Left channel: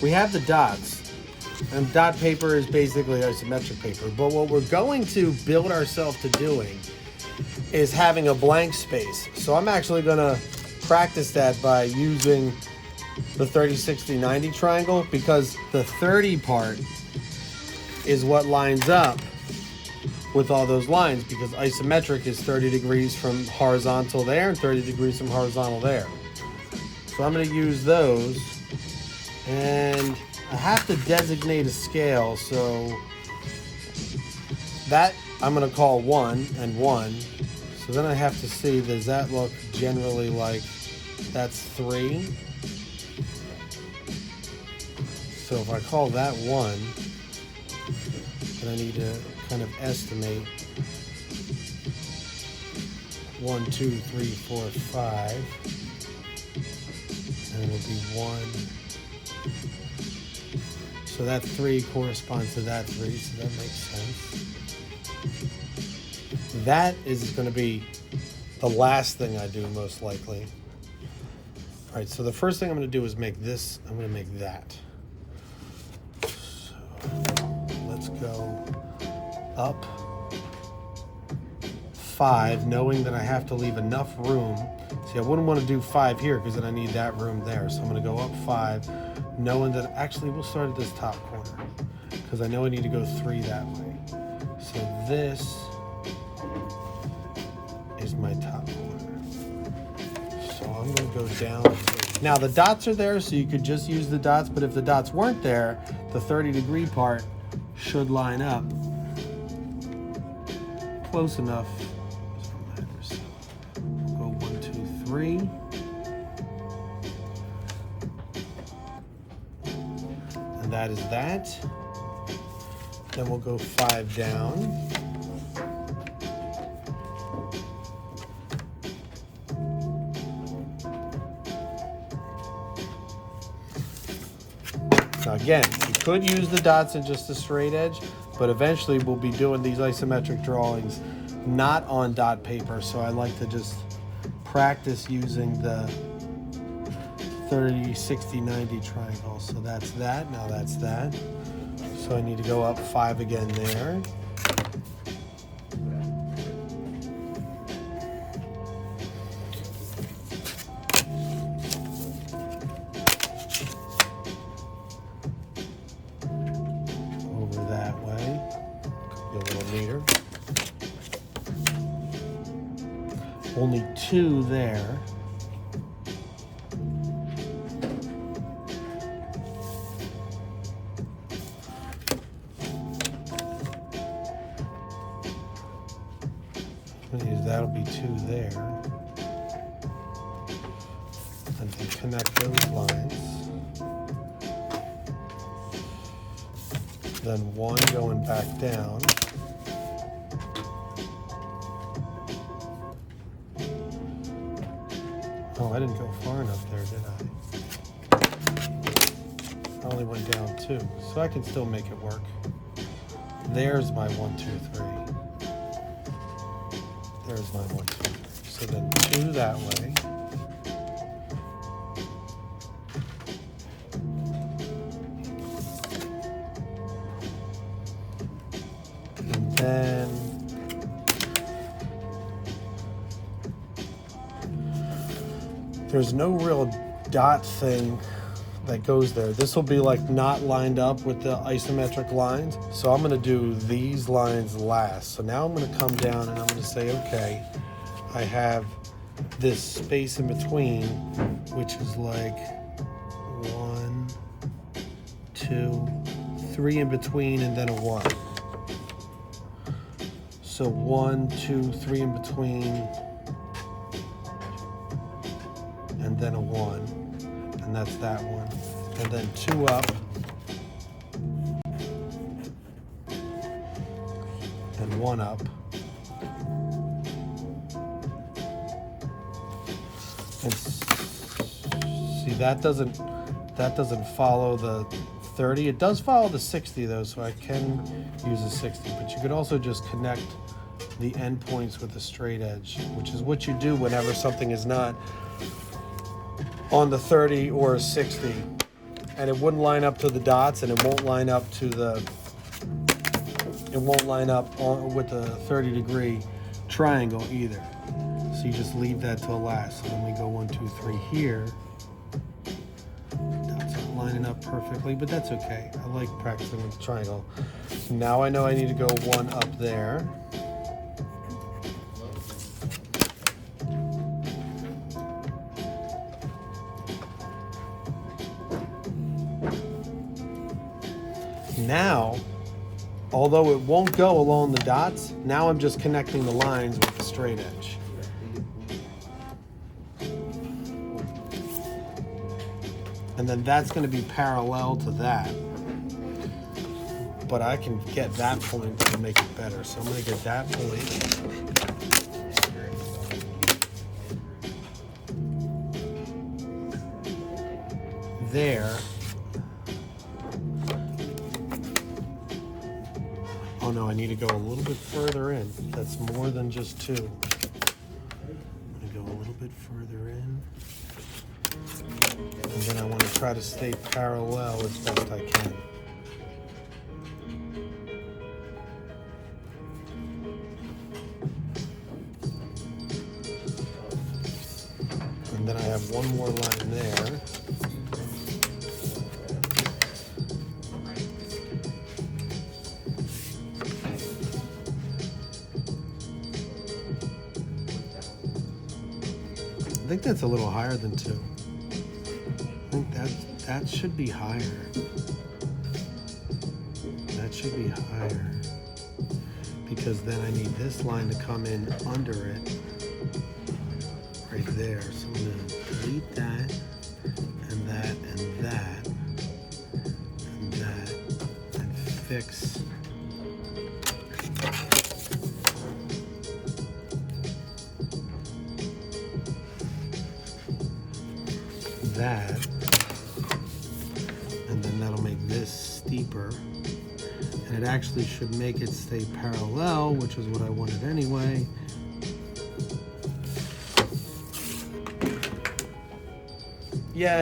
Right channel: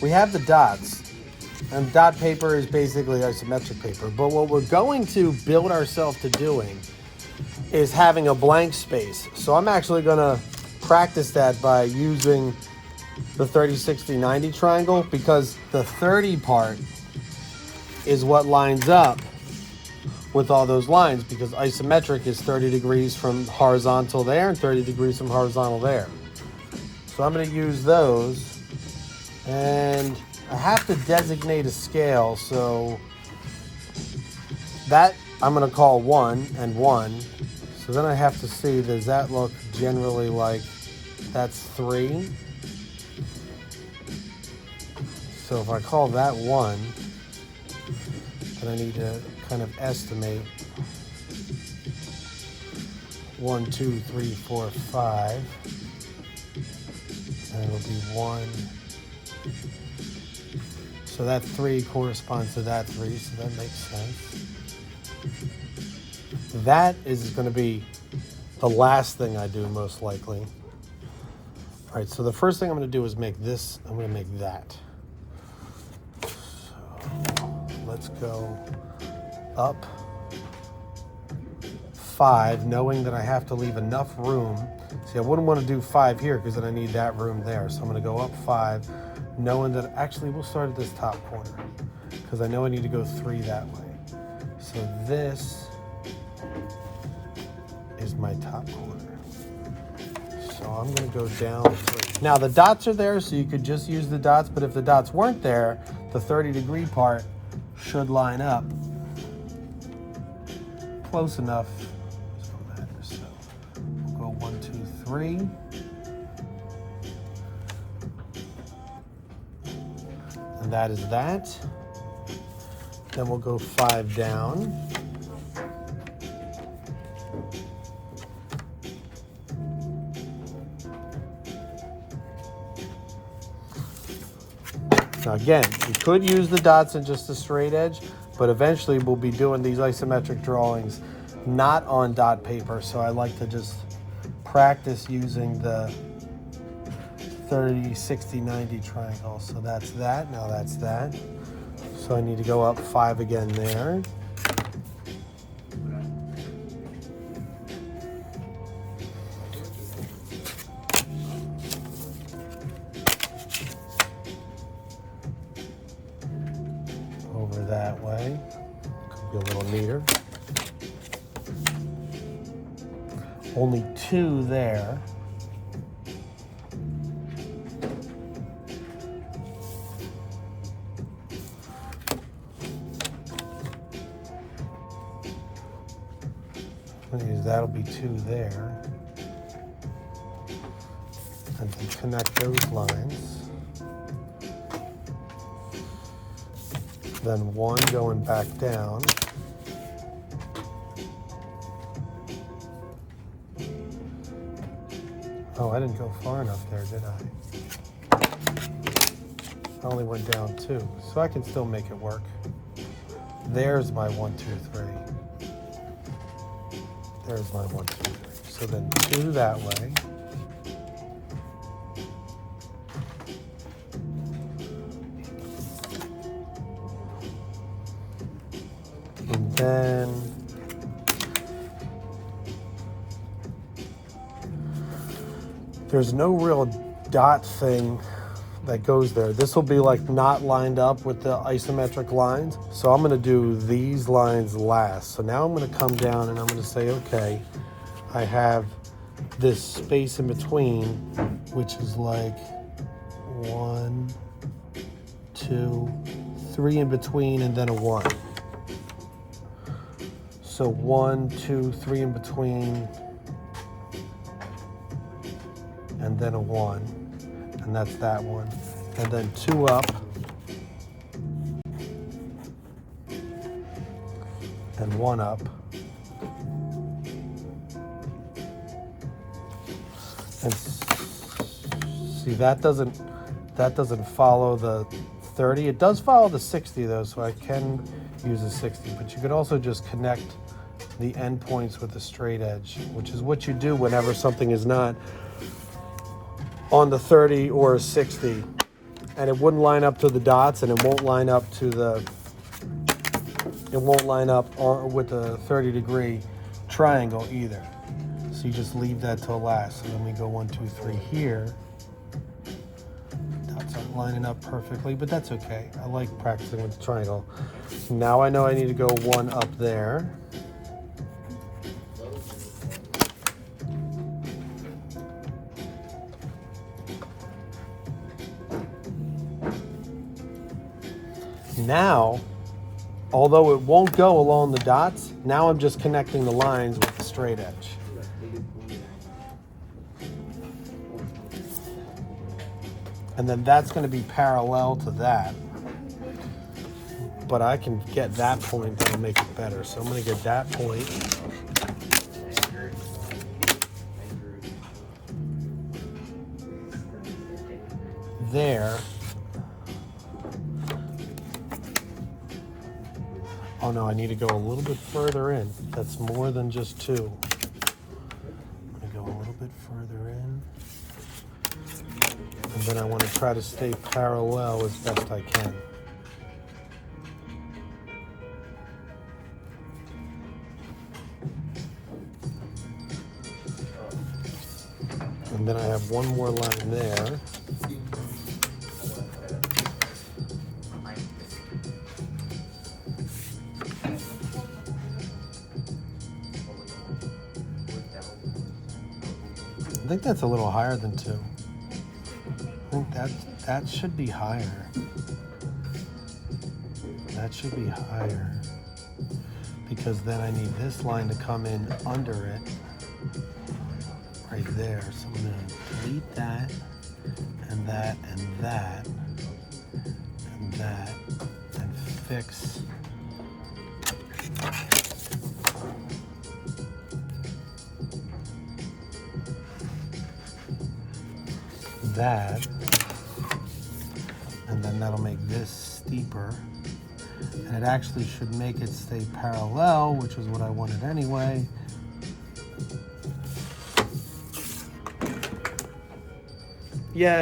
we have the dots. And dot paper is basically isometric paper. But what we're going to build ourselves to doing is having a blank space. So I'm actually going to practice that by using the 30, 60, 90 triangle, because the 30 part is what lines up with all those lines, because isometric is 30 degrees from horizontal there and 30 degrees from horizontal there. So I'm going to use those, and I have to designate a scale, so that I'm going to call 1 and 1. So then I have to see, does that look generally like that's 3? So if I call that 1, then I need to kind of estimate 1, 2, 3, 4, 5. And it'll be 1. So that 3 corresponds to that 3, so that makes sense. That is going to be the last thing I do, most likely. All right, so the first thing I'm going to do is make this. I'm going to make that. So let's go up 5, knowing that I have to leave enough room. See, I wouldn't want to do 5 here because then I need that room there. So I'm going to go up 5, knowing that actually we'll start at this top corner because I know I need to go 3 that way. So this is my top corner. So I'm going to go down 3. Now the dots are there, so you could just use the dots, but if the dots weren't there, the 30-degree part should line up close enough. This one matters. So we'll go 1, 2, 3. And that is that. Then we'll go 5 down. Now again, you could use the dots and just a straight edge, but eventually we'll be doing these isometric drawings not on dot paper, so I like to just practice using the 30, 60, 90 triangle. So that's that, now that's that. So I need to go up 5 again there. Over that way, could be a little neater. Only 2 there. That'll be 2 there. And then connect those lines. Then 1 going back down. Oh, I didn't go far enough there, did I? I only went down 2, so I can still make it work. There's my 1, 2, 3. There's my 1, 2, 3. So then 2 that way. And then there's no real dot thing that goes there. This will be like not lined up with the isometric lines. So I'm going to do these lines last. So now I'm going to come down and I'm going to say, okay, I have this space in between, which is like 1, 2, 3 in between, and then a 1. So 1, 2, 3 in between, and then a 1. And that's that one. And then 2 up. And 1 up. And see, that doesn't follow the 30. It does follow the 60 though, so I can use a 60. But you could also just connect the end points with a straight edge, which is what you do whenever something is not on the 30 or 60. and it wouldn't line up to the dots, and it won't line up to the, it won't line up with the 30-degree triangle either. So you just leave that till last. So then we go 1, 2, 3 here. Dots aren't lining up perfectly, but that's okay. I like practicing with the triangle. Now I know I need to go 1 up there. Now, although it won't go along the dots, now I'm just connecting the lines with the straight edge. And then that's going to be parallel to that. But I can get that point to make it better. So I'm going to get that point. There. Oh no, I need to go a little bit further in. That's more than just 2. I'm gonna go a little bit further in. And then I want to try to stay parallel as best I can. And then I have one more line there. I think that's a little higher than 2. I think that should be higher. That should be higher. Because then I need this line to come in under it. Right there. So I'm going to delete that, and that, and that, and that, and fix that, and then that'll make this steeper, and it actually should make it stay parallel, which is what I wanted anyway. Yeah.